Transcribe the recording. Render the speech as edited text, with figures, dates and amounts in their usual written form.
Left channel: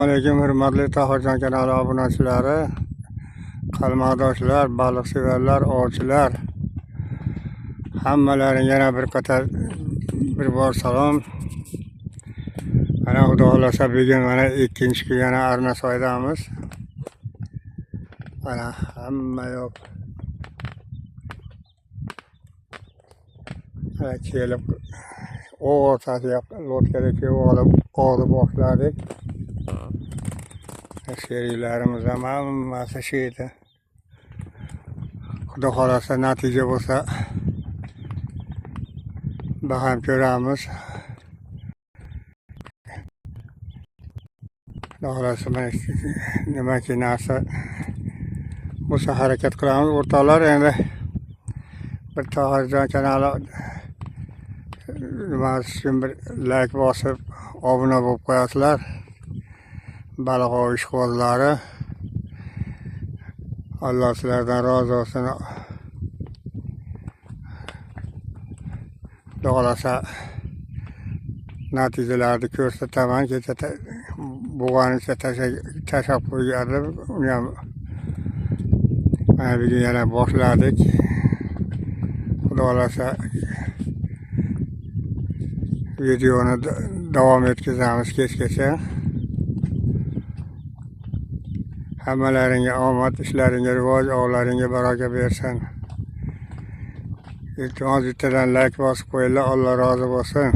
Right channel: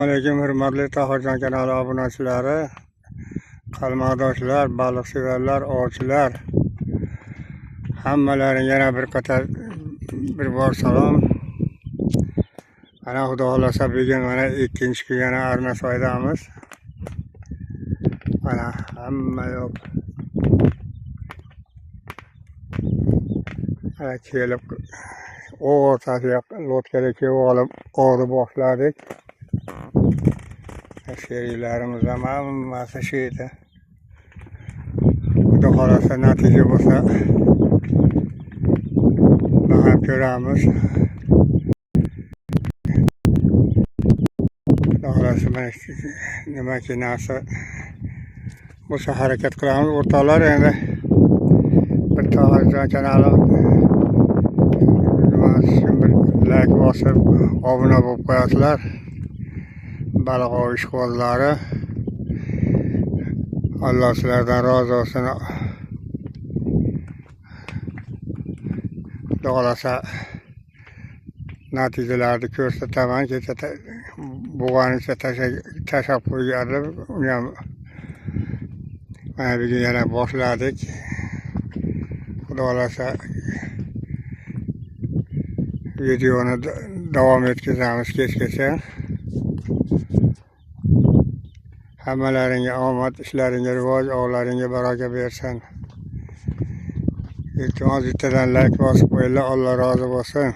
Alaykum hurmatli Tohirjon kanali obunachilari, qalmoqdoshlar, baliqsevarlar, ovchilar. Hammalaringga yana bir bor salom. Mana Xudo xolasa bugun mana ikkinchi kun yana Arnasoydamiz. Mana hamma yo'q. Mana kelib o'rtasiga lotkaga olib boshladik. Sheriklarimiz ham hammasi shu edi. Xudo xolasa natija bo'lsa baham ko'ramiz. Xudo xolasa nimaki narsa bo'lsa harakat qilamiz. O'rtoqlar, endi bir Tohirjon kanali bir like bosib obuna bo'lib qo'yasizlar. Baliq ov ishqibozlari, Alloh sizlardan rozi bo'lsin. Xudo xolasa natijalarni ko'rsataman. Kecha bo'lganicha tashlab qo'ygandim. Uni ham mana bugun yana boshladik. Xudo xolasa videoni davom etkazamiz kechgacha. Hammalaringga omad, ishlaringga rivoj, ovlaringga baraka bersin. Iltimos bittadan like bosib qo'yinglar. Alloh rozi bo'lsin.